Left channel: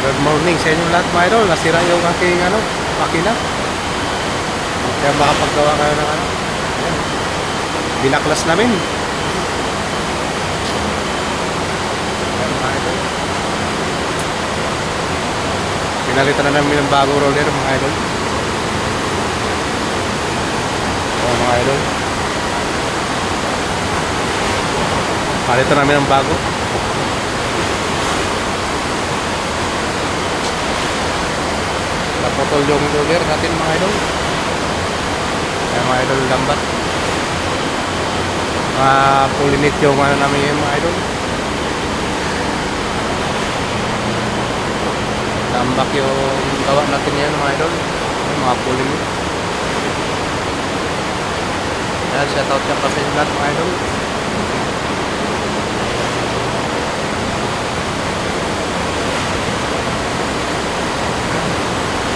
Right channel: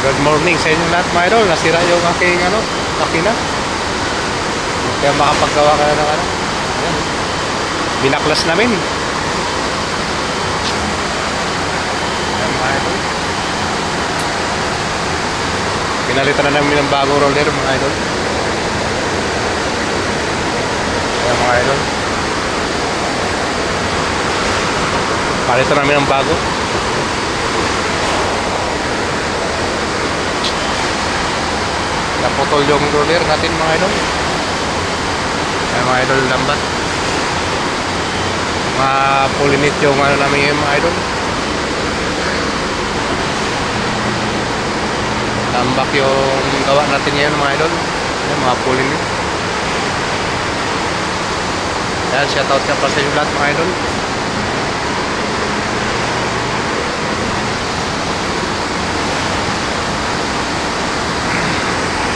Good morning sa inyo lahat mga idol. Nasira yung aking makina. Kaya makapaggawa kayo ng ayan. Binaklas namin. Ayan mga idol. Pinalitan na namin ng bagong roller mga idol. Ayan mga idol. Palitan namin ng bago. Naputol yung roller natin mga idol. Ayan mga idol, lambat. Mapulinit yung namin ngayon mga idol. Tambak yung gawa natin ngayon mga idol. Ayan, mga pulinit. Ayan, shoutout ka pa sa inyo lahat mga idol.